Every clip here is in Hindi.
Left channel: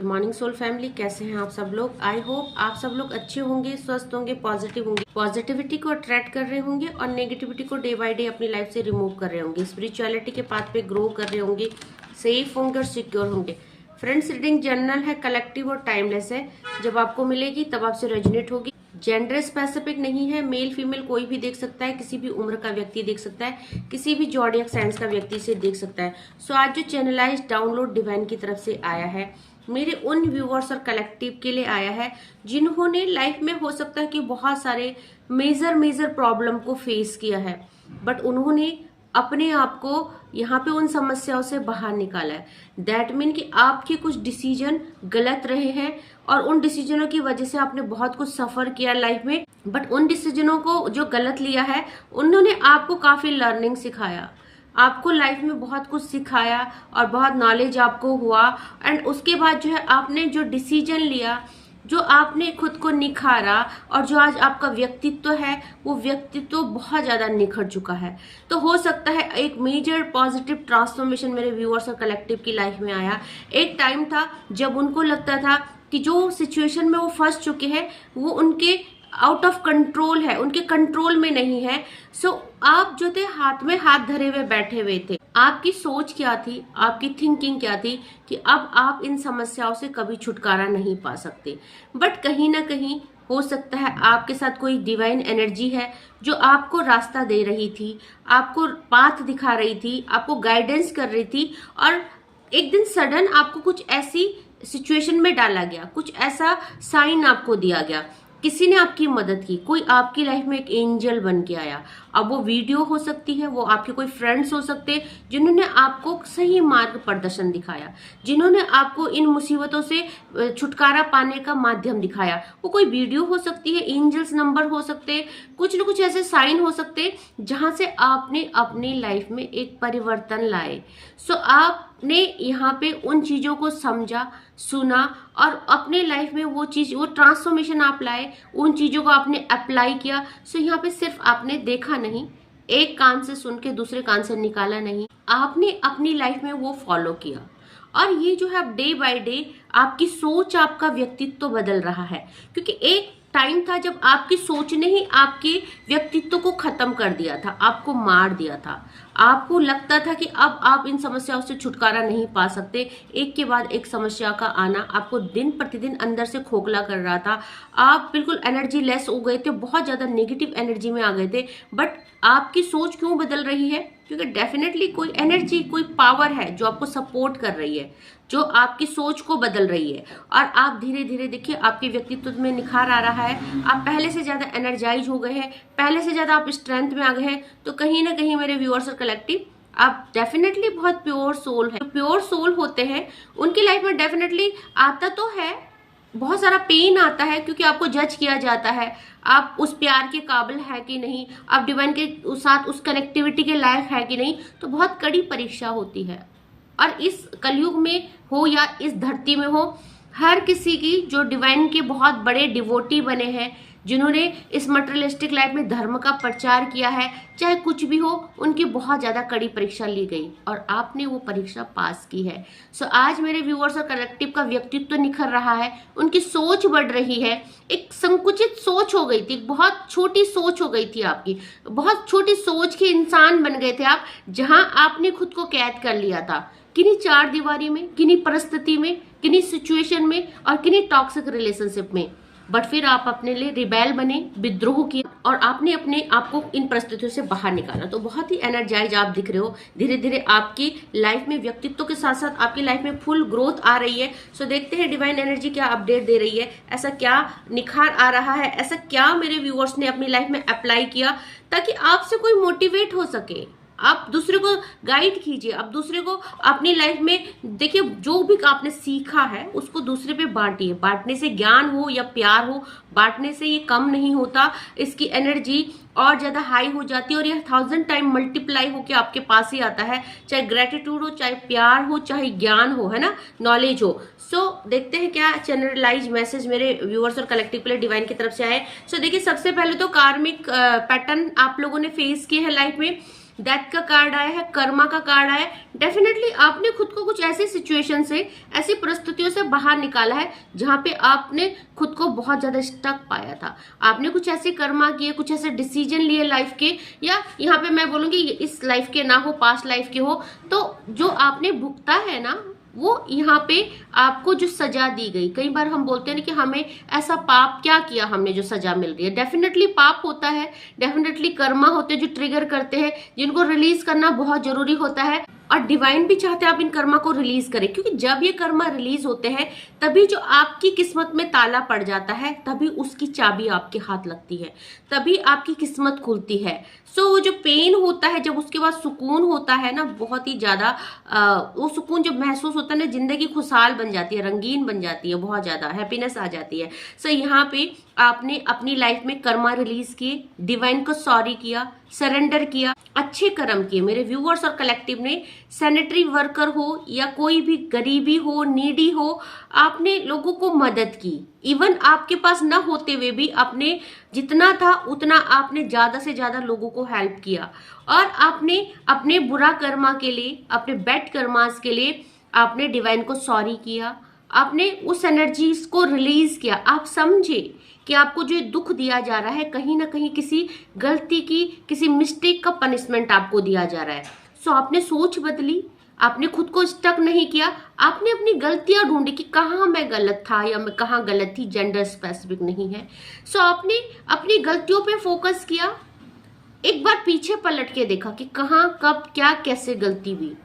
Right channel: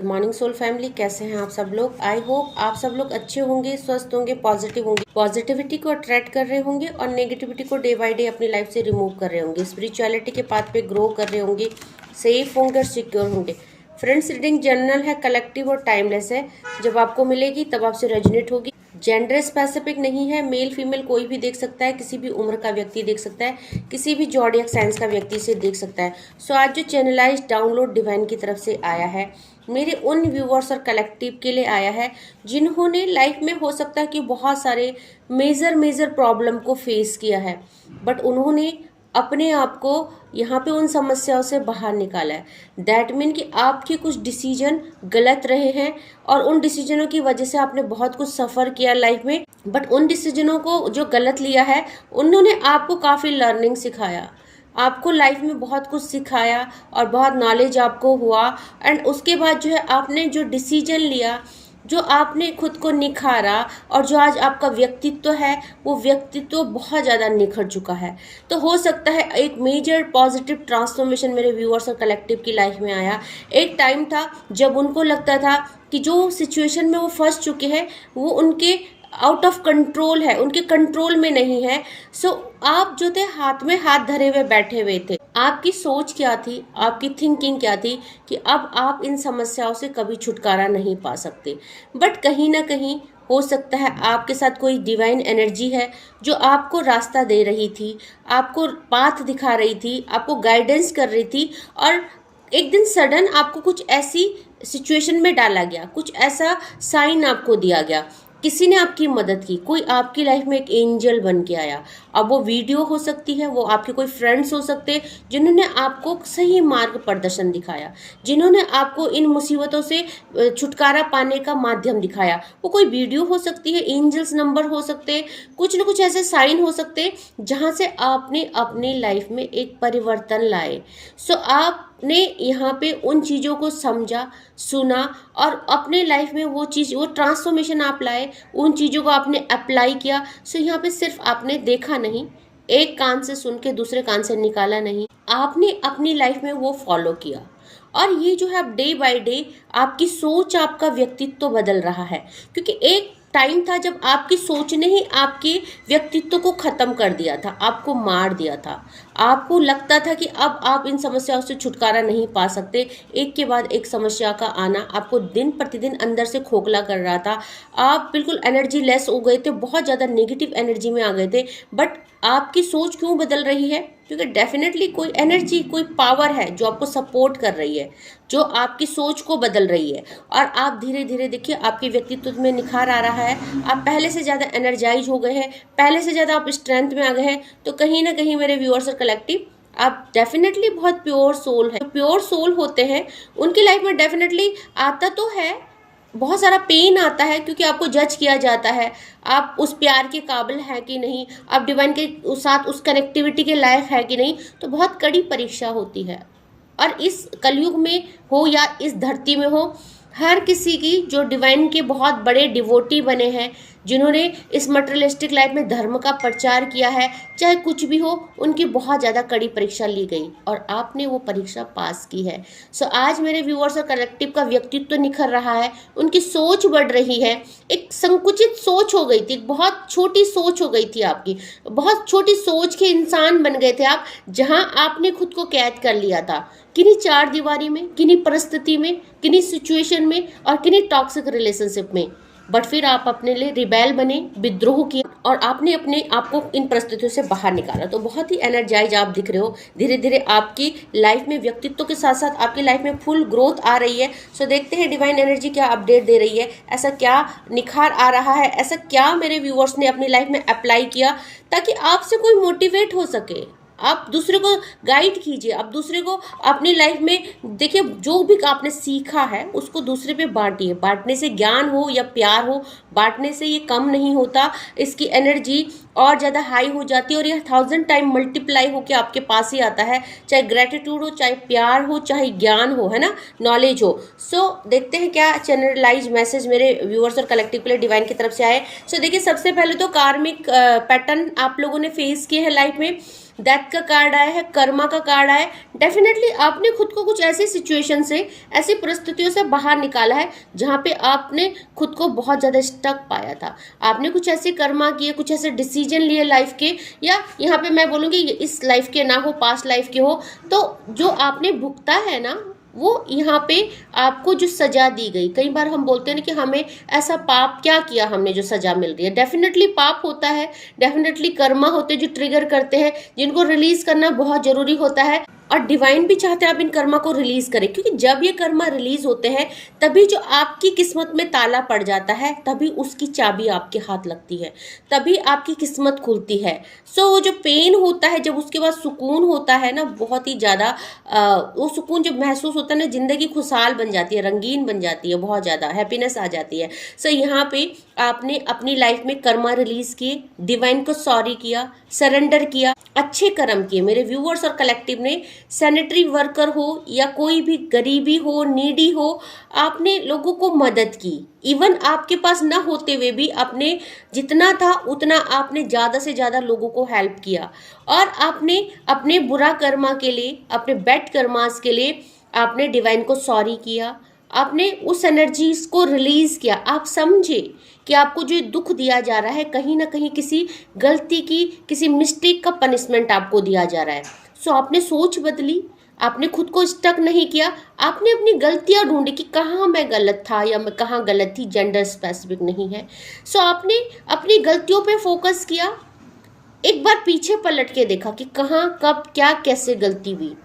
गुड मॉर्निंग सोल फैमिली, कैसे हैं आप सब लोग। आई होप आप सब लोग अच्छे होंगे, स्वस्थ होंगे, पॉजिटिव होंगे, पॉजिटिविटी को अट्रैक्ट कर रहे होंगे और नेगेटिविटी को डे बाय डे अपनी लाइफ से रिमूव कर रहे होंगे, स्पिरिचुअलिटी के पाथ पे ग्रो कर रहे होंगे, सेफ होंगे और सिक्योर होंगे। फ्रेंड्स, रीडिंग जनरल है, कलेक्टिव और टाइमलेस है। जब आपको मिलेगी तब आपसे रेजोनेट होगी। जेंडर स्पेसिफिक नहीं है, मेल फीमेल कोई भी देख सकता है, किसी भी उम्र का व्यक्ति देख सकता है, किसी भी जॉडियक साइंस का व्यक्ति से देख सकता है। सो आज जो चैनलाइज डाउनलोड डिवाइन की तरफ से आया है, मेरे उन व्यूअर्स और कलेक्टिव के लिए आया है जिन्होंने लाइफ में हो सकता है कि बहुत सारे मेजर प्रॉब्लम को फेस किया है, बट उन्होंने अपने आप को यहाँ पे उन समस्याओं से बाहर निकाला है। दैट मीन कि आपके कुछ डिसीजन गलत रहे हैं और उन डिसीजनों की वजह से आपने बहुत कुछ सफर किया लाइफ में, बट उन डिसीजनों को जो गलत लिया है उन्होंने आपको काफी लर्निंग सिखाया, आपको लाइफ में बहुत कुछ सिखाया और बहुत नॉलेज आपको हुआ। एंड उसके बाद जो है आपने जो डिसीजन लिया, जो आपने खुद को निखारा और जो आज आपका व्यक्तित्व है वो व्यक्तित्व बहुत ज़्यादा निखर चुका है। तो हो सकता है एक मेजर पॉजिटिव ट्रांसफॉर्मेशन मेरे व्यूअर्स और कलेक्टिव की लाइफ में आया। एक टाइम था जब उनको लगता था कि जो सिचुएशन में वो फंस चुके हैं वो उनके आउट ऑफ कंट्रोल है, उनके कंट्रोल में नहीं है। सो आप जो थे हाथ में हाथ धरे हुए बैठे हुए थे। आपकी सोच क्या थी, आपकी थिंकिंग क्या थी कि अब आप इन समस्याओं से कभी छुटकारा नहीं पा सकते। बट कहीं ना कहीं हो सकता है आपके साथ कोई डिवाइन एनर्जी है जो आपको रास्ता दे रही थी, आपको पाथ दिखा रही थी, आपको गाइडेंस कर रही थी। और एक दिन सडन आपको कुछ ऐसी सिचुएशन में डाला गया, कुछ ऐसा साइन आपको दिया गया, किसी ने आपकी मदद की, कोई आपकी लाइफ में एक एंजल बन के आया। अब वो वीडियो हो सकती है, वो आपके कोई फ्रेंड्स हो सकते हैं जिन्होंने आपको सही मार्ग प्रदर्शन दिखाया, जिन्होंने आपको इन मुसीबतों से छुटकारा पाने का माध्यम दिखाया। वो कोई वीडियो हो सकती है, एंजल्स नंबर हो सकते हैं, कुछ न कुछ ऐसे साइन हो सकते हैं जहां से आपने अपनी लाइफ में एक परिवर्तन लाए। सो आपने यहाँ पे उन चीजों को समझा, सुना और अपने लाइफ में वो चीज, वो ट्रांसफॉर्मेशन आप लाए, उन चीजों को आपने अप्लाई किया। सो यहाँ पे सिर्फ आपने देखा नहीं, एक कान से सुन के दूसरे कान से निकाला नहीं, आपने अपनी लाइफ में वो फॉलो किया। और ये जो है अब डे बाय डे आपकी सोच, आपका व्यक्तित्व बदल रहा है। क्योंकि एक टाइम था जब आपकी सोच ने ही आपके व्यक्तित्व को खत्म कर दिया था, आपको मार दिया था। आपको लगता था कि अब आप इन समस्याओं से छुटकारा नहीं पा सकते। एक के बाद एक समस्या का आना आपको दिन प्रतिदिन अंदर से खोखला कर रहा था। आप बिल्कुल एनर्जी लेस हो गए थे, बहुत ज्यादा नेगेटिव एनर्जी में आ गए थे। बट आपकी सोच क्यों बदल रही है? क्योंकि डेफिनेटली कोई एनर्जी, कोई पावर है जो आपको सपोर्ट कर रही है, जो आपकी सोच को बदल रही है। और आप धीरे धीरे देखिए आपके व्यक्तित्व में निखार आ रहा है। आप पहले से ज्यादा एनर्जाइज हो गए हैं, पहले से ज्यादा आप स्ट्रेंथ में आ गए हैं। तो कहीं ना कहीं मेरे व्यूअर्स और कलेक्टिव, आप डेफिनेटली बहुत प्योर सोल है। प्योर सोल होते हैं उनकी लाइफ में डेफिनेटली आता तो है, बहुत सारा पेन आता है, क्योंकि आपको जज किया जाता है, आप उस प्यार के काबिल है कि नहीं, आप डिवाइन के साथ उस कनेक्टिविटी के लायक है कि नहीं। तो बहुत कड़ी परीक्षा होती है। और इस कलयुग में हो या इस धरती में हो, हर किसी की जो डिवाइन के बहुत बड़े डिवोटी बने हैं, जिन्होंने इस मटेरियलिस्टिक लाइफ में धर्म का प्रचार किया है, चाहे कुछ भी हो, उनकी बहुत ज़्यादा कड़ी परीक्षा ली गई और आपने वो परीक्षा पास की है। सो आज मेरे व्यूअर्स और कलेक्टिव का व्यक्तित्व निखर रहा है, उनकी सोच बढ़ रही है। एक संकुचित सोच हो गई थी, बहुत छोटी सोच हो गई थी आपकी, बहुत छोटी सोच के इंसान बन गए थे आप, जहां आपने खुद को कैद कर लिया था किन्हीं चार दीवारी में, किन्हीं परिस्थिति में, किन्हीं सिचुएशन में और किन्हीं टॉक्सिक रिलेशनशिप में। बट फिर आप अपने लिए रिबेल बने, विद्रोह किया और आपने अपने आप को इन परिस्थितियों से बाहर निकाला। तो बहुत ही एनर्जाइज आप दिख रहे हो। धीरे धीरे आपकी लाइफ में व्यक्तित्व के साथ साथ आपकी लाइफ में फुल ग्रोथ आ रही है। सो देखते हैं डिवाइन एनर्जी क्या अपडेट दे रही है, ऐसा क्या निखार आ रहा है, ऐसा क्या मेरे व्यूअर्स ने अपनी लाइफ में अप्लाई किया ताकि आपसे कोई मोटिवेट हो सके। आप दूसरे को गाइड कीजिए, आप दूसरे को अपनी लाइफ में देखिए, जो भी आपने सीखा है उसको दूसरे पे बांटिए। बांटने से ज्ञान हो या प्यार हो, बांटने से ये कम नहीं होता, इसकी एनर्जी और ज़्यादा हाई हो जाती है और ये 1000 टाइम मल्टीप्लाई होकर आपके पास ही आता है। चाहे ग्रेटिट्यूड हो, चाहे प्यार हो, चाहे ज्ञान हो, है ना, नॉलेज हो। सो देखते हैं क्या चैनलाइज मैसेज मेरे व्यूअर्स और कलेक्टिव के लिए डिवाइन की तरफ से आए। सो देखिए, सबसे पहले तो कार्मिक पैटर्न आप लोगों ने फेस किए हैं लाइफ में, डेथ का कार्ड आया है, कर्मा का कार्ड आया है। डेफिनेटली आपने खुद को कुछ ऐसी सिचुएशन से, ऐसी परिस्थितियों से बाहर निकाला है जहां पे आपने खुद को बहुत ज्यादा स्टक पाया था। आपने कुछ ऐसे कर्मा किए, कुछ ऐसे डिसीजन लिए लाइफ के, या यहाँ पे मैं बोलूंगी इस लाइफ के ना हो, पास्ट लाइफ के हो, तो जो आपने भुगता है ना, वो यहाँ पे आपको जो सजा दी गई। कई बार हम बोलते हैं ना कि हमें ऐसा पाप क्या किया हमने जो सजा मिल रही है। डेफिनेटली पाप होता है, डेफिनेटली कर्मा होते हैं जो ट्रिगर करते हैं, जिनको रिलीज करना बहुत जरूरी होता है। और डिवाइन भी चाहते हैं आप इन कर्मा को रिलीज करें, क्योंकि जब ये कर्मा रिलीज होते हैं तभी जो आपकी किस्मत में ताला पड़ जाता है, तभी उसकी चाबी आपके हाथ लगती है, तभी आपकी किस्मत खुलती है। सो वो जो पेन होता है, जब उसके बाद सुकून होता है ना, बहुत ही ज्यादा वो सुकून जब महसूस होता है ना, जिंदगी खुशहाल बन जाती है, रंगीन बन जाती है, बहुत ज्यादा हैप्पीनेस आ जाती है। सो यहाँ पे आपने अपनी लाइफ में कर्मा रिलीज किए, डिवाइन को सॉरी किया, सरेंडर किया, अच्छे कर्म किए। मेरे व्यूअर्स और कलेक्टिव ने, सैनिटरी वर्कर हो या कोई भी गरीबी हो, नीडी हो, आपने लोगों को मदद की। इवन आपके पास ना होते हुए भी आपने जितना था उतना आपने ज्यादा से ज्यादा लोगों को हेल्प किया। और आपने अपने बुरा कर्मा के लिए, अपने बैड कर्मास के लिए आपने डिवाइन को सॉरी किया, आपने उस एनर्जीज को रिलीज किया। आप समझे कि आपको जो दुख दिया जा रहा है, कहीं ना कहीं किसी गलती की, किसी मिस्टेक का पनिशमेंट आपको दिया जा रहा है। सो आपने सोच बदली, आपने खुद को स्टक नहीं किया, आपने अपनी गलतियां ढूंढी कि कहाँ मैं गलत था या मैं कहाँ गलत थी, जेंडर स्पेसिफिक नहीं है। सो आपने अपनी गलतियों पे फोकस किया, एक बार पीछे पलट के देखा कि कहाँ, कब, क्या, कैसे गलती हुई,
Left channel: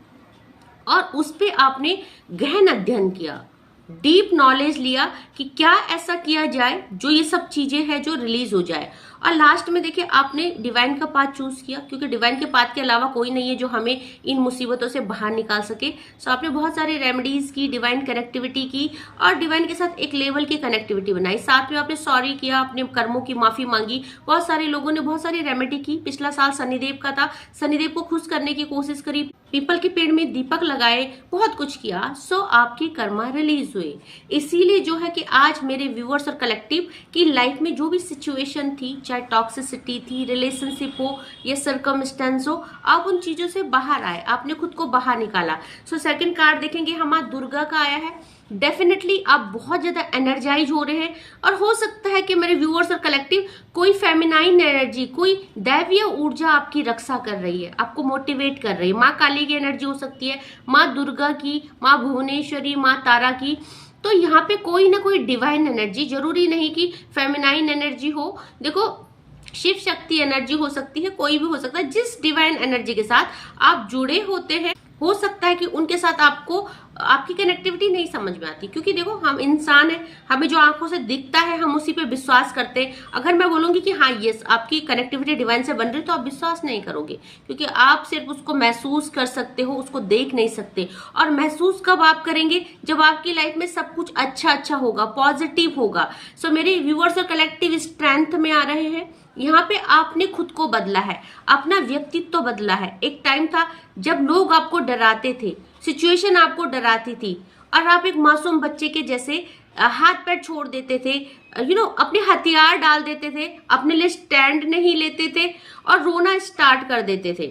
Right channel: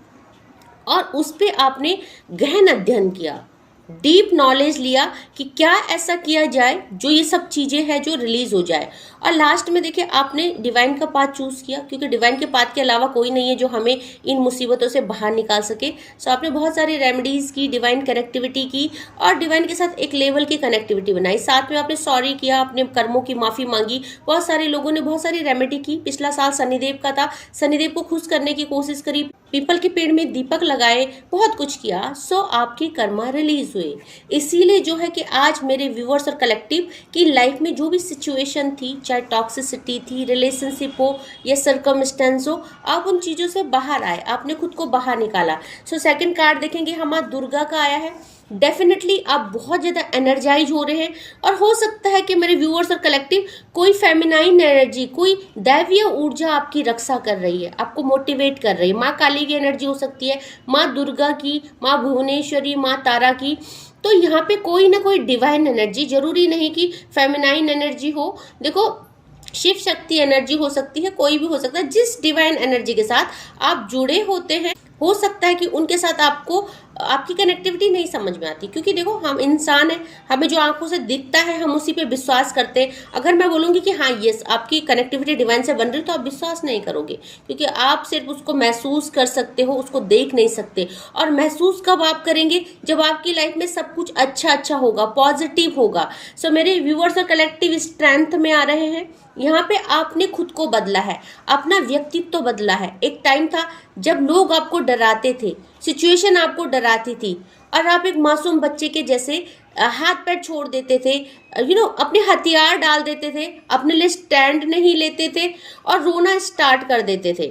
और उस पे आपने गहन अध्ययन किया, डीप नॉलेज लिया कि क्या ऐसा किया जाए जो ये सब चीजें हैं जो रिलीज हो जाए। और लास्ट में देखिए आपने डिवाइन का पाथ चूज किया, क्योंकि डिवाइन के पाथ के अलावा कोई नहीं है जो हमें इन मुसीबतों से बाहर निकाल सके। सो आपने बहुत सारी रेमेडीज की, डिवाइन कनेक्टिविटी की, और डिवाइन के साथ एक लेवल की कनेक्टिविटी बनाई। साथ में आपने सॉरी किया, अपने कर्मों की माफी मांगी। बहुत सारे लोगों ने बहुत सारी रेमेडी की। पिछला साल शनिदेव का था, शनिदेव को खुश करने की कोशिश करी, पीपल के पेड़ में दीपक लगाए, बहुत कुछ किया। सो आपकी कर्मा रिलीज हुए। इसीलिए जो है कि आज मेरे व्यूअर्स और कलेक्टिव की लाइफ में जो भी सिचुएशन थी, चाहे टॉक्सिसिटी थी, रिलेशनशिप हो या सर्कमस्टेंस हो, आप उन चीजों से बाहर आए, आपने खुद को बाहर निकाला। सो सेकंड कार्ड देखेंगे, हमारा दुर्गा का आया है। डेफिनेटली आप बहुत ज्यादा एनर्जाइज हो रहे हैं, और हो सकता है कि मेरे व्यूअर्स और कलेक्टिव कोई फेमिनाइन एनर्जी, कोई दैवीय ऊर्जा आपकी रक्षा कर रही है, आपको मोटिवेट कर रही है। माँ काली की एनर्जी हो सकती है, माँ दुर्गा की, माँ भुवनेश्वरी, माँ तारा की। तो यहाँ पे कोई ना कोई डिवाइन एनर्जी, जरूरी नहीं कि फेमिनाइन एनर्जी हो, देखो शिव शक्ति एनर्जी हो सकती है, कोई भी हो सकता है। जिस डिवाइन एनर्जी के साथ आप जुड़े होते हैं, हो सकता है कि उनके साथ आपको आपकी कनेक्टिविटी नहीं समझ में आती, क्योंकि देखो हम इंसान हैं, हमें जो आंखों से दिखता है हम उसी पे विश्वास करते हैं। अगर मैं बोलूंगी कि हाँ यस आपकी कनेक्टिविटी डिवाइन से बन रही, तो आप विश्वास नहीं करोगे, क्योंकि आप सिर्फ उसको महसूस कर सकते हो, उसको देख नहीं सकते। और महसूस कब आप करेंगे, जब आपकी लाइफ में सब कुछ अच्छा अच्छा होगा, पॉजिटिव होगा। सो मेरे व्यूअर्स और कलेक्टिव स्ट्रेंथ में आ रहे हैं। यहाँ पे आपने खुद को बदला है, अपना व्यक्तित्व बदला है। एक टाइम था जब लोग आपको डराते थे, सिचुएशन आपको डराती थी, और आप एक मासूम बच्चे के जैसे हाथ पैर छोड़ देते थे, अपने हथियार डाल देते थे, अपने लिए स्टैंड नहीं लेते थे, और रोना स्टार्ट कर देते थे।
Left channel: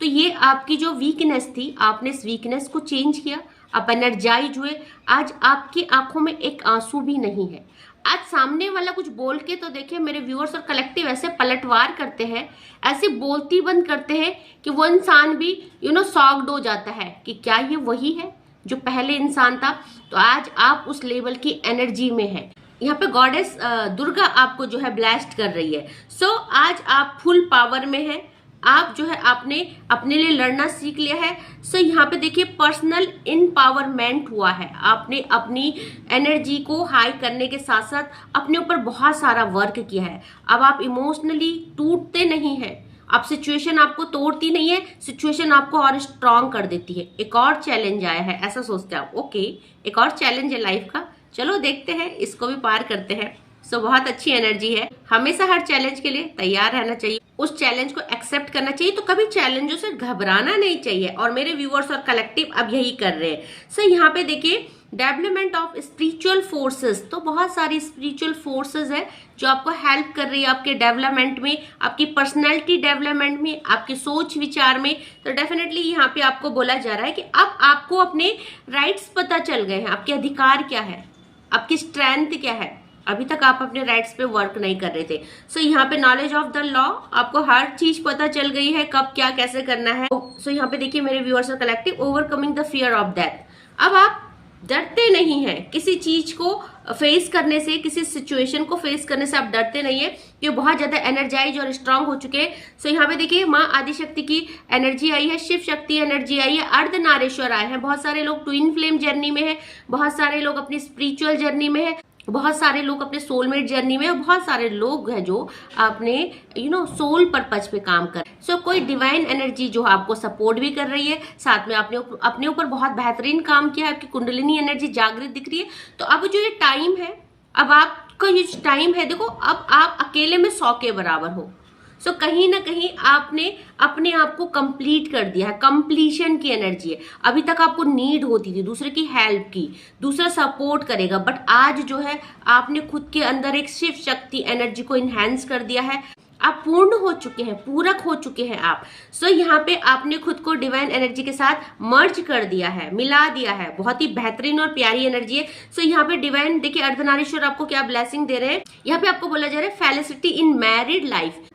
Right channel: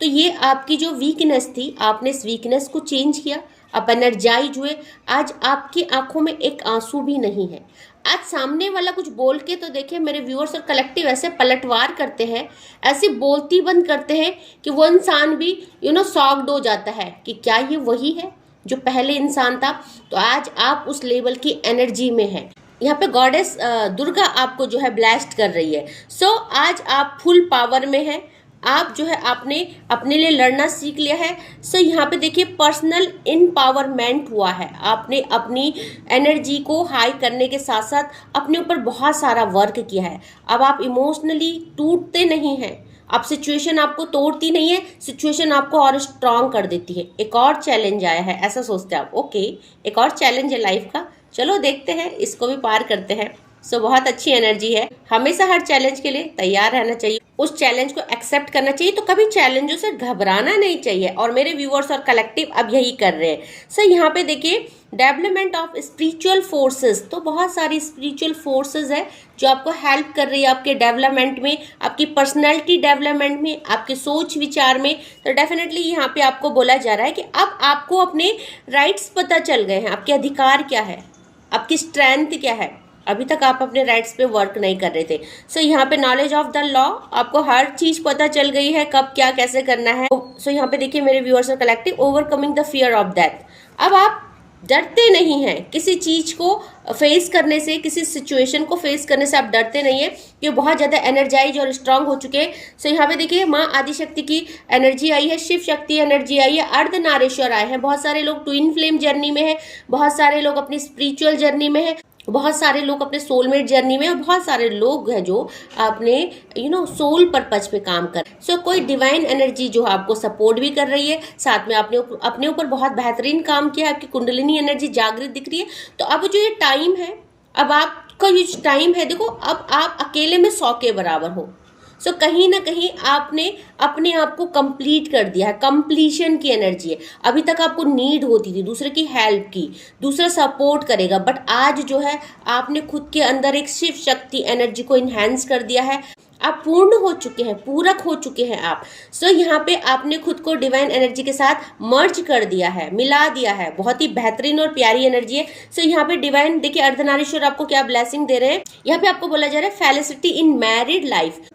तो ये आपकी जो वीकनेस थी, आपने इस वीकनेस को चेंज किया, आप एनर्जाइज हुए। आज आपकी आंखों में एक आंसू भी नहीं है। आज सामने वाला कुछ बोल के तो देखिए, मेरे व्यूअर्स और कलेक्टिव ऐसे पलटवार करते हैं, ऐसी बोलती बंद करते हैं कि वो इंसान भी शॉक्ड हो जाता है कि क्या ये वही है जो पहले इंसान था। तो आज आप उस लेवल की एनर्जी में हैं। यहाँ पे गॉडेस दुर्गा आपको जो है ब्लेस्ड कर रही है। सो आज आप फुल पावर में हैं। आप जो है आपने अपने लिए लड़ना सीख लिया है। सो यहाँ पे देखिए पर्सनल एम्पावरमेंट हुआ है। आपने अपनी एनर्जी को हाई करने के साथ साथ अपने ऊपर बहुत सारा वर्क किया है। अब आप इमोशनली टूटते नहीं हैं, अब सिचुएशन आपको तोड़ती नहीं है, सिचुएशन आपको और स्ट्रांग कर देती है। एक और चैलेंज आया है, ऐसा सोचते हैं आप, ओके एक और चैलेंज है लाइफ का, चलो देखते हैं, इसको भी पार करते हैं। सो बहुत अच्छी एनर्जी है। हमेशा हर चैलेंज के लिए तैयार रहना चाहिए, उस चैलेंज को एक्सेप्ट करना चाहिए। तो कभी चैलेंजों से घबराना नहीं चाहिए, और मेरे व्यूअर्स और कलेक्टिव अब यही कर रहे हैं। सो यहाँ पे देखिए डेवलपमेंट ऑफ स्पिरिचुअल फोर्सेस, तो बहुत सारी स्पिरिचुअल फोर्सेस है जो आपको हेल्प कर रही है आपके डेवलपमेंट में, आपकी पर्सनैलिटी डेवलपमेंट में, आपके सोच विचार में। तो डेफिनेटली यहाँ पे आपको बोला जा रहा है कि अब आपको अपने राइट्स पता चल गए हैं, आपके अधिकार क्या है, आपकी स्ट्रेंथ क्या है। अभी तक आप अपने राइट्स पे वर्क नहीं कर रहे थे। सो यहाँ पे नॉलेज ऑफ द लॉ, आपको हर चीज पता चल गई है, कब क्या कैसे करना है। सो यहाँ पे देखिए मेरे व्यूअर्स और collective, overcoming the fear of death. अब आप डरते नहीं हैं किसी चीज को फेस करने से, किसी सिचुएशन को फेस करने से आप डरते नहीं है, ये बहुत ज्यादा एनर्जाइज और स्ट्रांग हो चुके हैं। सो यहाँ पे देखिए माँ आदिशक्ति की एनर्जी आई है, शिव शक्ति एनर्जी आई है, अर्धनारेश्वर आए हैं। बहुत सारे लोग ट्विन फ्लेम जर्नी में है, बहुत सारे लोग अपनी स्पिरिचुअल जर्नी में है, बहुत सारे लोग अपने सोलमेट जर्नी में, और बहुत सारे लोग हैं जो अपने सोल पर्पज पे काम कर। सो कोई डिवाइन एनर्जी जो आपको सपोर्ट भी कर रही है, साथ में आपने अपने ऊपर बहुत बेहतरीन काम किया है, आपकी कुंडलिनी एनर्जी जागृत दिख रही है। तो अब जो ये टाइम है, अब आपका ये टाइम है, देखो अब आप अकेले में 100 के बराबर हो। सो कहीं ना कहीं आपने अपने आप को कंप्लीट कर दिया है, कंप्लीशन की एनर्जी है। अभी तक आपको नीड होती थी दूसरे की हेल्प की, दूसरा सपोर्ट करेगा, बट आज जो है आपने खुद के अंदर एक शिव शक्ति एनर्जी को इनहेंस कर दिया है। आप पूर्ण हो चुके हैं, पूरक हो चुके हैं आप। सो यहाँ पे आपने खुद को डिवाइन एनर्जी के साथ मर्ज कर दिया है, मिला दिया है। बहुत ही बेहतरीन और प्यारी एनर्जी है। सो यहाँ पे डिवाइन देखिए अर्धनारीश्वर आपको क्या ब्लेसिंग दे रहे हैं। यहाँ पे आपको बोला जा रहा है felicity in married life.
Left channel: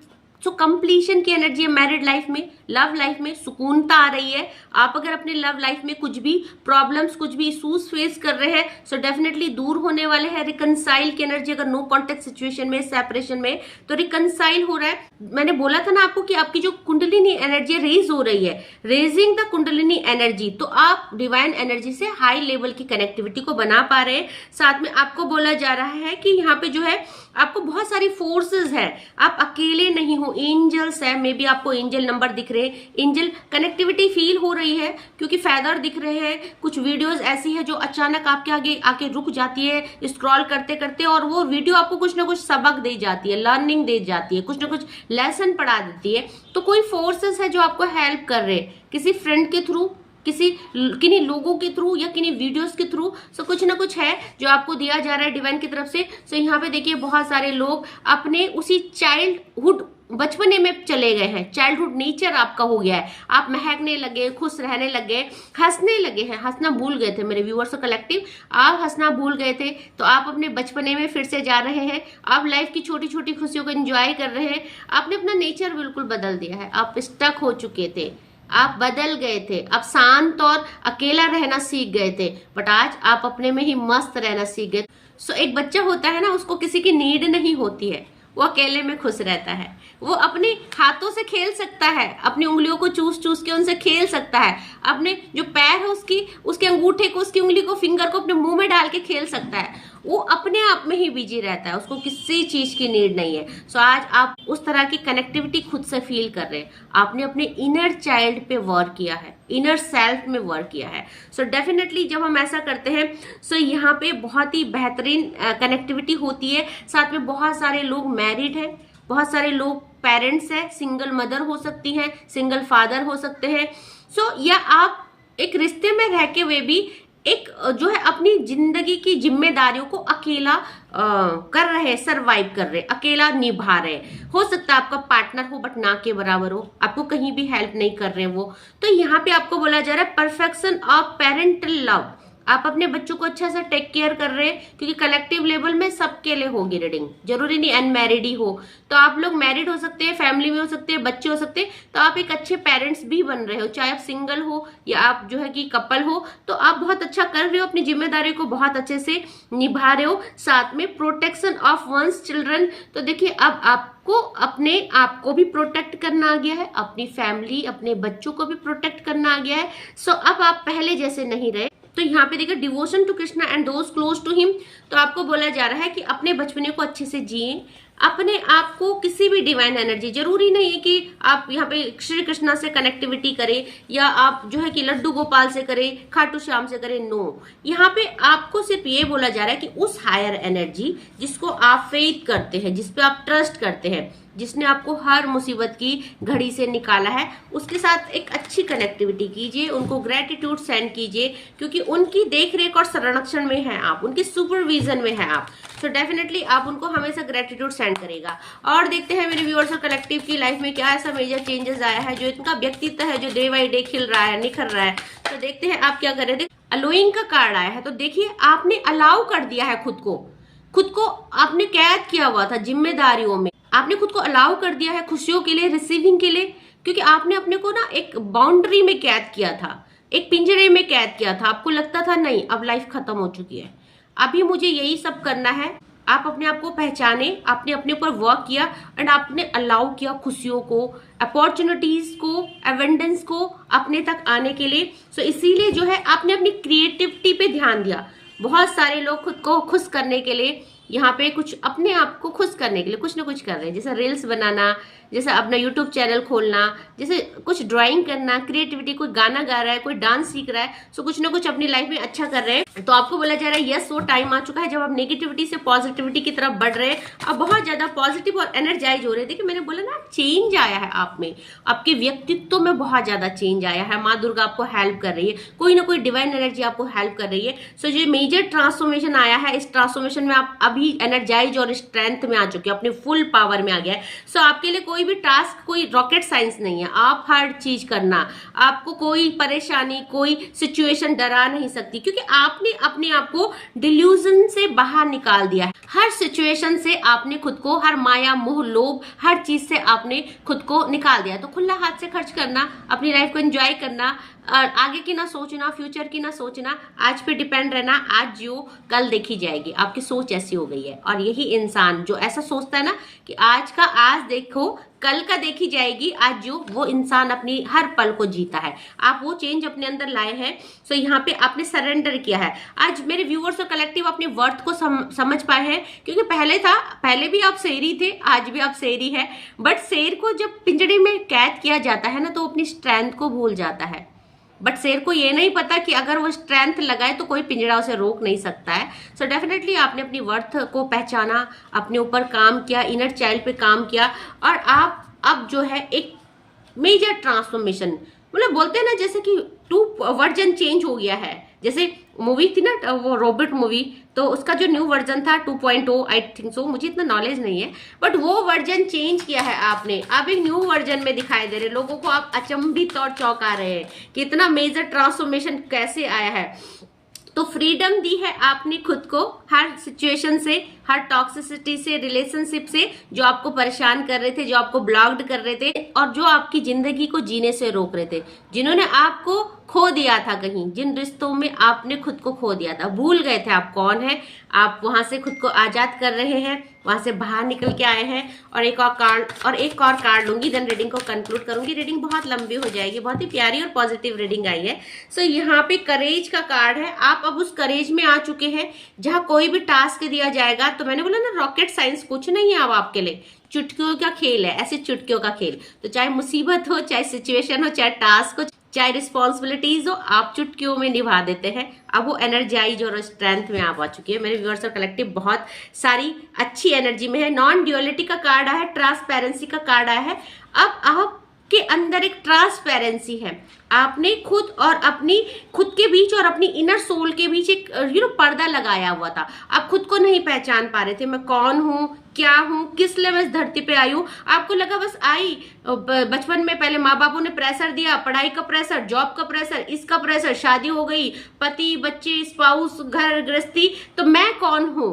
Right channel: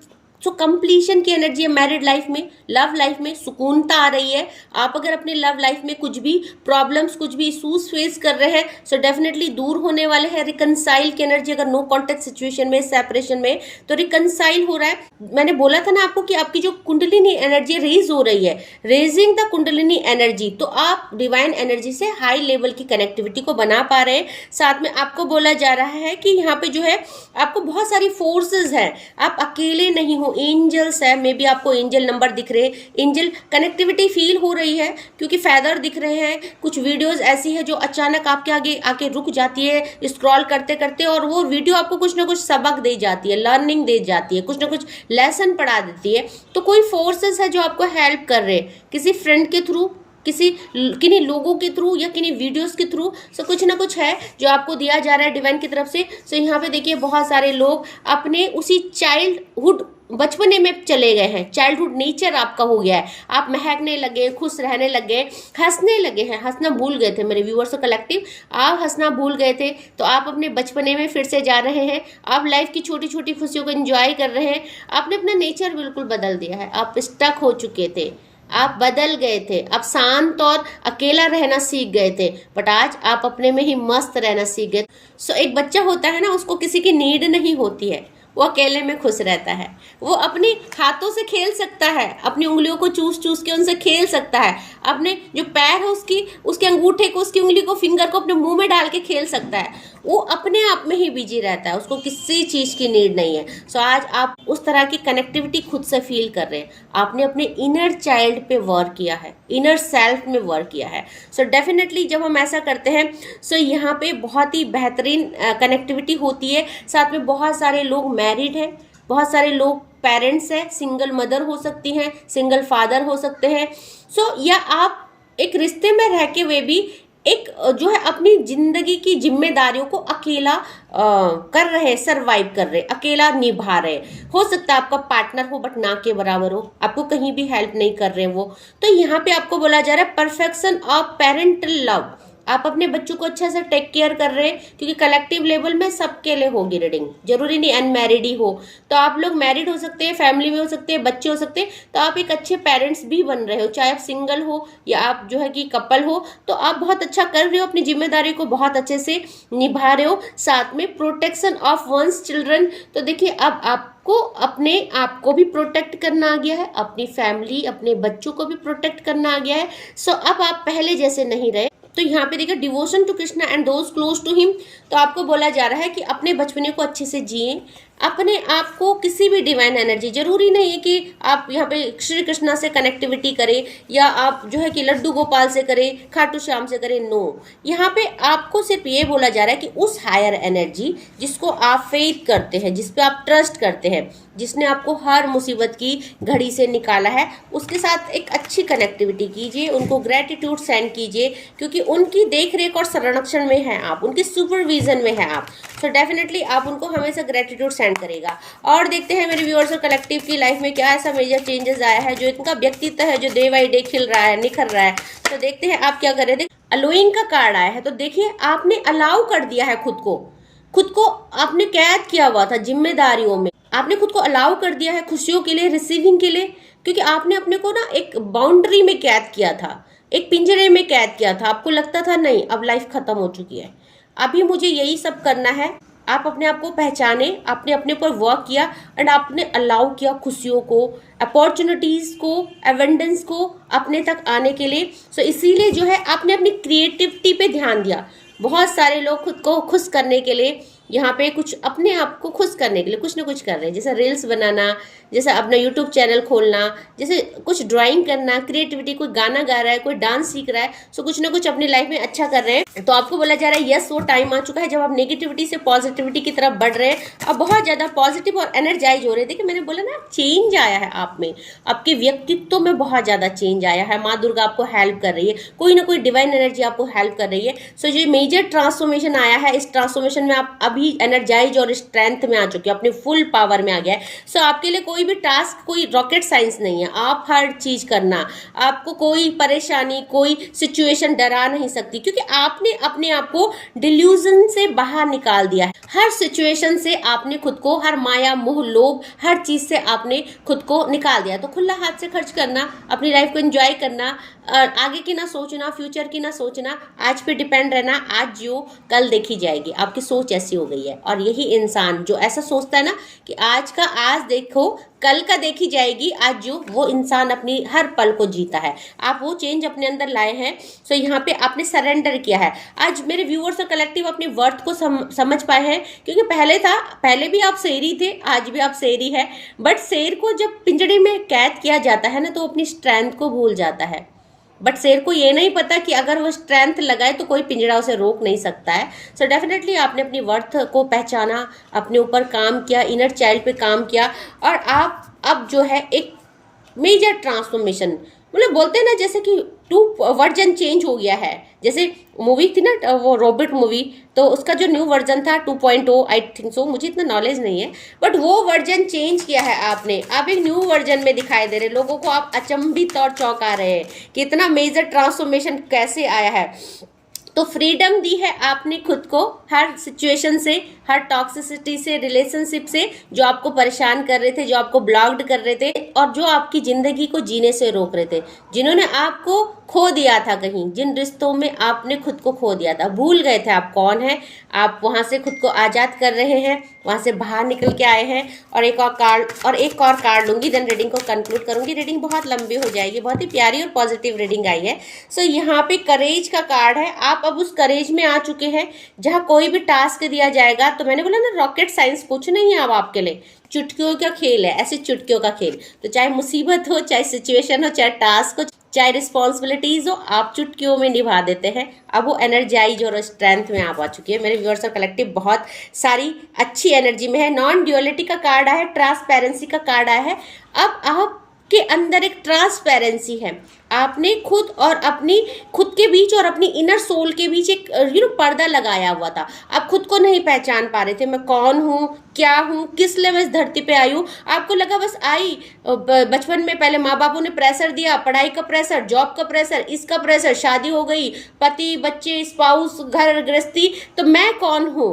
So completion की एनर्जी है मैरिड लाइफ में, लव लाइफ में सुकूनता आ रही है। आप अगर अपने लव लाइफ में कुछ भी प्रॉब्लम्स, कुछ भी इशूज फेस कर रहे हैं, सो डेफिनेटली दूर होने वाले हैं। रिकनसाइल की एनर्जी, अगर नो कॉन्टेक्ट सिचुएशन में, सेपरेशन में, तो रिकनसाइल हो रहा है। मैंने बोला था ना आपको कि आपकी जो कुंडलिनी एनर्जी रेज हो रही है, रेजिंग द कुंडलिनी एनर्जी, तो आप डिवाइन एनर्जी से हाई लेवल की कनेक्टिविटी को बना पा रहे हैं। साथ में आपको बोला जा रहा है कि यहाँ पे जो है आपको बहुत सारी फोर्सेस है, आप अकेले नहीं हो। एंजल्स है, मे बी आपको एंजल नंबर दिख रहे हैं, एंजल कनेक्टिविटी फील हो रही है, क्योंकि फेदर दिख रहे हैं। कुछ वीडियोस ऐसी है जो अचानक आपके आगे आके रुक जाती है स्क्रॉल करते करते, और वो वीडियो आपको कुछ ना कुछ सबक दे जाती है, लर्निंग दे जाती है, कुछ ना कुछ लेसन पढ़ा देती है। तो कोई फोर्सेस है जो आपको हेल्प कर रहे हैं, किसी फ्रेंड के थ्रू, किन्हीं लोगों के थ्रू या किन्हीं वीडियोस के थ्रू। सो कुछ ना कुछ है जो आपको दिया जा रहा है डिवाइन की तरफ से। सो यहाँ पे देखिए बहुत सारे लोग अपने उसी चाइल्डहुड, बचपने में चले गए हैं, चाइल्डहुड नेचर आपका हो गया है। आप महकने लगे, खुश रहने लगे, हंसने लगे हैं, हंसना भूल गए थे मेरे व्यूअर्स और कलेक्टिव। आप हंसना भूल गए थे, तो आप अपने बचपने में फिर से जा रहे हैं। आप लाइफ की छोटी छोटी खुशियों को एंजॉय कर रहे हैं। आपने अपना नेचर बिल्कुल बदल दिया है। आप स्टक हो चुके थे, आप बदल गए थे, आप शांत और अकेला रहना सीख गए थे, बट आज आप अपने में ही मस्त रहना सीख गए। सो एक बच्चा होता है ना, उसको किसी की नीड नहीं होती है, वो अकेले में खुश रहता है। वो अपने हाथों से खेल सकता है, अपनी उंगलियों को चूस चूस के उनसे खेल सकता है, अपने जो पैर है उसके अंगूठे को, उसकी उंगली को, फिंगर को अपने मुंह में डाल के खेल सकता है। वो अपने आप में ही बिजी रहता है, उसको किसी चीज की नीड नहीं है। सो आज आप उस तरह की कनेक्टिविटी खुद से फील कर रहे हैं। आपने अपने इनर चाइल्ड पे वर्क किया है, इनर सेल्फ में वर्क किया है। सो डेफिनेटली जब हम ऐसा करते हैं, सो यहाँ पे बहुत ही बेहतरीन कनेक्टिविटी होती है। साथ में बहुत सारे लोग मैरिड हैं, बहुत सारे लोग पेरेंट्स हैं, सिंगल मदर हो सकती हैं, सिंगल फादर हो सकते हैं। सो या आप एक रिश्ते में रह के वे भी एक जो है अपनी जिंदगी की जिम्मेदारियों को अकेला कर रहे, सरवाइव कर रहे, अकेला निभा रहे। हो सकता है आपका पार्टनर हो बट ना के बराबर हो, आपको कहीं भी हेल्प नहीं कर रहे वो। तो यहाँ पे आपको बोला जा रहा है परफेक्शन ऑफ पेरेंटल लव। आप अपने बच्चों को अच्छा से टेक केयर कर रहे हैं, क्योंकि कलेक्टिव लेवल में सबके लिए होगी रीडिंग, जरूरी नहीं अनमैरिड ही हो। तो आप लोग मैरिड हो सकते हैं, फैमिली में हो सकते हैं, बच्चे हो सकते हैं, तो आप एक अच्छे पेरेंट्स भी बन रहे हो। चाहे आप सिंगल हो या आप जो है कि कपल हो, तो आप बहुत अच्छा कर रहे हो, अपनी जिम्मेदारी को बहुत अच्छे से निभा रहे हो। साथ में प्रोटेक्शन ऑफ वंस चिल्ड्रन। तो देखिए अब आपको अपने आप को भी प्रोटेक्ट करना आ गया है, अपनी फैमिली, अपने बच्चों को भी प्रोटेक्ट करना आ गया है। सो अब आप पहले जैसे नहीं रहे। तो यहाँ पे देखिए devotion to Krishna and those close to him. तो आपको बोला जा रहा है कि अपने बचपने को अच्छे से जिए, अपने आप को किसी भी डिवाइन एनर्जी, जरूरी नहीं है कि आप यहाँ पे श्री कृष्णा से कनेक्टिविटी करें या आप जो है कि लड्डू गोपाल से करें, खाटू श्याम से करें, नो। यहाँ पे आपको सिर्फ ये बोला जा रहा है कि उस हायर एनर्जी जिसको आप फेथ करते हैं, जिस पे आप ट्रस्ट करते हैं, जिसने आपको हर मुसीबत की घड़ी से निकाला है, उसके साथ एक अच्छी कनेक्टिविटी कीजिए, उनको ग्रेटिट्यूड सेंड कीजिए, क्योंकि उनकी देख रेख और संरक्षण में है आप, उनके सुपरविजन में है आप। सो डेफिनेटली आप उनको हमेशा ग्रेटिट्यूड सेंड करेगा। और देखते हैं मेरे व्यूअर्स और कलेक्टिव की लाइफ में क्या ऐसा मेजर चेंजेस आया है जो इनका व्यक्तित्व है जो डे बाई डे खिल रहा है, निखर रहा है। तो देखते हैं आप क्या कर रहे थे। अलोइंग का कार्ड आया है, तो देखिए आपने अलाउ कर दिया है खुद को आपने कैद किया हुआ था जिम्मेदारियों में, आपने खुद को अलाउ कर दिया है खुशियों के लिए, रिसीविंग के लिए, क्योंकि आपने अपने को ना एक बाउंड्री में कैद किया था, एक पिंजरे में कैद किया था। आपको लगता था नहीं अब लाइफ खत्म हो चुकी है, अभी मुझे यही सब करना है। आप अपने आप को पहचाने, आपने अपने ऊपर वर्क किया एंड आपने अलाउ किया खुशियों को, अपॉर्चुनिटीज को, एवेंडेंस को अपने तक आने के लिए। सो इसीलिए जो है आपने अपनी क्रिएटिविटी पे ध्यान दिया। बहुत सारे लोग खुद को खुश करने के लिए यहाँ पे कुछ अपने आप को खुश करने के लिए कुछ ना कुछ कर रहे हैं, जैसे रील्स बनाना, जैसे अपना यूट्यूब चैनल खोलना, जैसे कुछ ड्राइंग करना, क्रिएटिविटी, कोई गाना गा रहा है, कोई डांस सीख रहा है, सो कुछ ना कुछ अपनी लाइफ में अच्छा कर रहे हैं। तो आपको बोला जा रहा है यस वो टाइम आ चुका है जब आप नेगेटिविटी से पॉजिटिविटी की तरफ बढ़ रहे हैं और बहुत ज्यादा पॉजिटिव और एनर्जाइज हो रहे हैं। देखिए मैंने बोला ना चेंज आया है आप में, आपके व्यक्तित्व में बहुत ज्यादा चेंज आया है। माँ दुर्गा आपको हेल्प कर रही है, कोई ना कोई डिवाइन एनर्जी आपको हेल्प कर रही है। सो जो मेजर ट्रांसफॉर्मेशन आया है, इस ट्रांसफॉर्मेशन में आप अभी एनर्जाइज और स्ट्रेंथ में आ चुके हैं, अपने फुल पावर में आ गया है। सो आपके लिए कोई भी टास्क कोई रॉकेट साइंस नहीं है, आप हर चीज करना, आपको कोई परेशानी, कोई सिचुएशन डरा नहीं सकती, क्योंकि आपने अपने आप को डिल्यूजन से बाहर निकाल दिया है। हर सिचुएशन से आपने खुद को, हर माया मोह लोभ हर चीज से आपने खुद को निकाल दिया। तो खुला हाथ से खर्च करना, अपनी लाइफ को एंजॉय करना, और आगे की ना सोचना, फ्यूचर की ना सोचना, आज पे डिपेंड रहना, आज जियो कल देखी जाएगी। आपकी सोच ऐसी हो गई है। और यही इंसान जो ऐसा सोचता है ना कि आज का आज देखो कल का देखी जाएगी, आज जो वो इंसान अपनी हर पल को जीता है। आप वो चेंज अपने अंदर लाए हैं। सो यहाँ पे आपने सरेंडर किया है। आज मेरे व्यूअर्स और कलेक्टिव अपनी वर्थ को समझ पाए हैं, क्योंकि पहले भी आप शेरी थे, आज भी आप शेरी है, बट शेर को जब पिंजरे में कैद किया जाता है ना तो अपनी स्ट्रेंथ को भूल जाता है। बट शेर को ये नहीं पता कि अगर वो स्ट्रेंथ लगाए तो कोई पिंजरा उसे रोक नहीं सकता है। सो डेफिनेटली आपने अपनी वर्थ को पहचाना, अपने ऊपर काम किया, इनर चाइल्ड पे काम किया, और आप अब जो है एक मेजर ट्रांसफॉर्मेशन, मतलब बोलते हैं ना जैसे कि टू वर्जन चेंज हो गया है। जैसे मूवी थी ना वो रॉबर्ट मूवी, तो उसका जो न्यू वर्जन था 2.0 आई थिंक सो, मुझे इतना नॉलेज नहीं है, बट वो वर्जन चेंज किया है आपने। आप एक न्यू वर्जन में दिखाई दे रहे, लोगों को आप अचंभित और चौंका रहे हैं कि इतना मेजर ट्रांसफॉर्मेशन कैसे आया है। तो फ्रीडम दी है आपने खुद को हर सिचुएशन से, हर टॉक्सिसिटी से, रिलेशनशिप से जो आपको परेशान कर रहे थे, जो आपको ब्लॉक्ड कर रहे थे और जो आपकी जिंदगी को जीने से रोक रहे थे, जिन्होंने आपको खो दिया था कहीं, जिन रिश्तों में आपने खुद को खो दिया था, भूल गए थे आप कौन है, आप वहां से खुद को आजाद कर रहे हैं, वहां से बाहर निकल के आए हैं। और एक और कार्ड लूंगी, देन रीडिंग को कंक्लूड करूंगी। रीडिंग बहुत लंबी हो जाएगी, बहुत ही प्यारी और पॉजिटिव रीडिंग आई है। सो यहाँ पे करेज का कार्ड है। आप अब उस करेज में आ चुके हैं जहां कोई भी टास्क दिया जाएगा, तो मैंने बोला ना रॉकेट साइंस कुछ नहीं है अब आपके लिए, चुटकियों का खेल है, ऐसे चुटकियों का खेल। तो चाहे मुसीबत हो, चाहे सिचुएशन हो, चाहे टास्क हो, चाहे रिस्पॉन्सिबिलिटीज हो, आप चुटकियों में निभा देते हैं। अब वो एनर्जाइज और स्ट्रेंथ में आप आ चुकी है। मेरे व्यूअर्स और कलेक्टिव बहुत सारी अच्छी एनर्जी में है। नॉन ड्यूअलिटी का कार्ड आया है, ट्रांसपेरेंसी का कार्ड आया है। अब आप के अंदर एक ट्रांसपेरेंसी है, आपने खुद के बीच और अपनी इनर सोल के बीच एक पर्दा लगाया हुआ था। आप खुद को नहीं पहचान पा रहे थे, मैं कौन हूँ, क्या हूँ, किस लिए मैं इस धरती पे आई हूँ। आपको लगा बस आई, बचपन में पहले माँ बापों ने प्रेशर दिया, पढ़ाई का प्रेशर, जॉब का प्रेशर, इसका प्रेशर, शादी हो गई, पति बच्चे स्पाउस घर गृहस्थी, तो मैं कौन हूँ,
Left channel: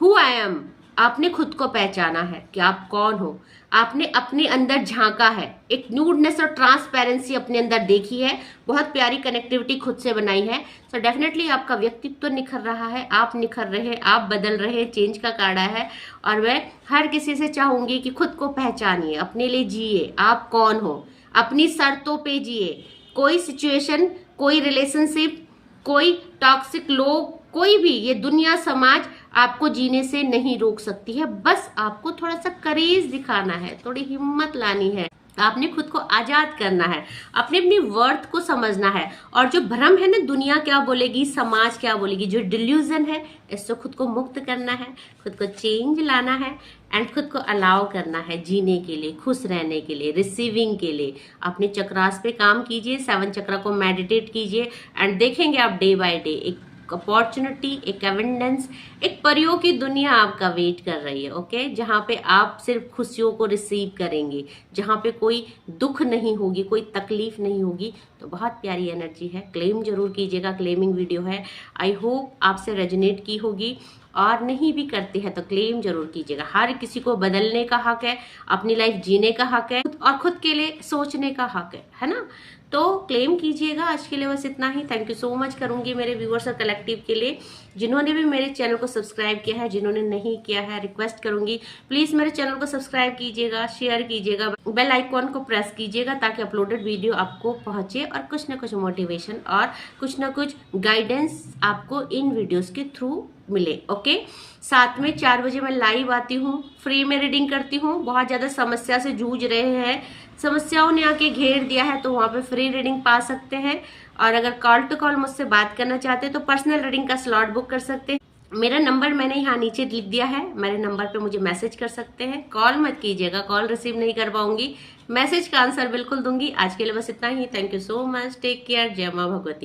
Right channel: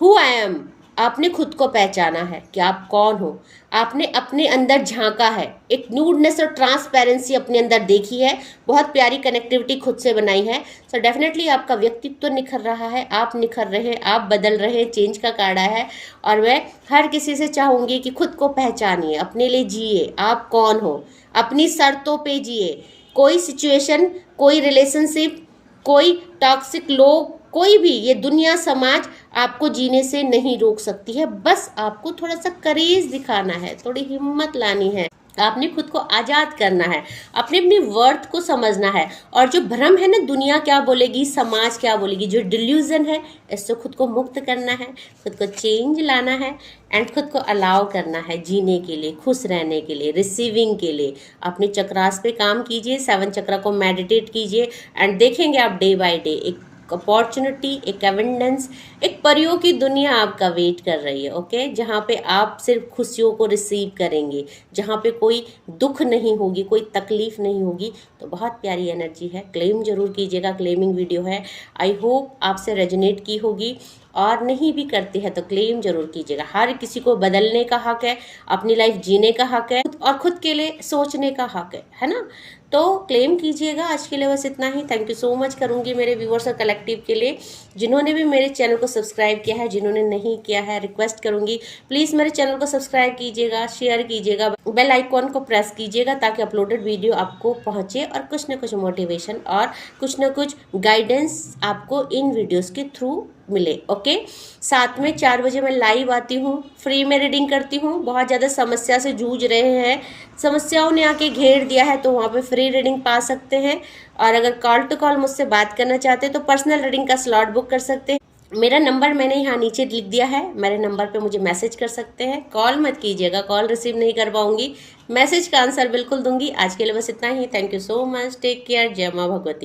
हु आई एम। आपने खुद को पहचाना है कि आप कौन हो, आपने अपने अंदर झांका है, एक न्यूडनेस और ट्रांसपेरेंसी अपने अंदर देखी है, बहुत प्यारी कनेक्टिविटी खुद से बनाई है। सो डेफिनेटली आपका व्यक्तित्व निखर रहा है, आप निखर रहे हैं, आप बदल रहे हैं। चेंज का कार्ड आया है और मैं हर किसी से चाहूंगी कि खुद को पहचानिए, अपने लिए जिए, आप कौन हो, अपनी शर्तों पे जिए। कोई सिचुएशन, कोई रिलेशनशिप, कोई टॉक्सिक लोग, कोई भी ये दुनिया समाज आपको जीने से नहीं रोक सकती है। बस आपको थोड़ा सा करेज दिखाना है, थोड़ी हिम्मत लानी है, आपने खुद को आजाद करना है, अपने अपनी वर्थ को समझना है। और जो भ्रम है ना, दुनिया क्या बोलेगी, समाज क्या बोलेगी, जो डिल्यूजन है, इससे खुद को मुक्त करना है, खुद को चेंज लाना है एंड खुद को अलाउ करना है जीने के लिए, खुश रहने के लिए, रिसीविंग के लिए। अपने चक्रास पे काम कीजिए, 7 चक्रा को मेडिटेट कीजिए एंड देखेंगे आप डे बाय डे एक अपॉर्चुनिटी, एक एविडेंस, एक परियों की दुनिया आपका वेट कर रही है। ओके, जहाँ पे आप सिर्फ खुशियों को रिसीव करेंगे, जहाँ पे कोई दुख नहीं होगी, कोई तकलीफ नहीं होगी। तो बहुत प्यारी एनर्जी है, क्लेम जरूर कीजिएगा, क्लेमिंग वीडियो है। आई होप आपसे रेजोनेट की होगी, और नहीं भी करते हैं तो क्लेम जरूर कीजिएगा। हर किसी को बदलने का हक है, अपनी लाइफ जीने का हक है और खुद के लिए सोचने का हक है ना। तो क्लेम कीजिएगा। आज के लिए बस इतना ही। थैंक यू सो मच करूंगी मेरे व्यूअर्स और कलेक्टिव के लिए, जिन्होंने भी मेरे चैनल को सब्सक्राइब किया है, जिन्होंने नहीं किया है रिक्वेस्ट करूंगी प्लीज मेरे चैनल को सब्सक्राइब कीजिएगा, शेयर कीजिएगा, बेल आइकॉन को प्रेस कीजिएगा ताकि अपलोडेड वीडियो आपको पहुंचे और कुछ ना कुछ मोटिवेशन और कुछ ना कुछ गाइडेंस आपको इन वीडियोस के थ्रू मिले। ओके, साथ में 4 बजे मैं लाइव आती हूँ, फ्री में रीडिंग करती हूँ। बहुत ज्यादा समस्या से जूझ रहे हैं, समस्याओं ने आके घेर दिया है, तो वहाँ पे फ्री रीडिंग पा सकते हैं। और अगर कॉल टू कॉल मुझसे बात करना चाहते हैं तो पर्सनल रीडिंग का स्लॉट बुक कर सकते हैं। मेरा नंबर मैंने यहाँ नीचे लिख दिया है, मेरे नंबर पे मुझे मैसेज कर सकते हैं। कॉल मत कीजिएगा, कॉल रिसीव नहीं कर पाऊंगी, मैसेज का आंसर बिल्कुल दूंगी। आज के लिए बस इतना ही। Thank you so much, take care, जय माँ भगवती।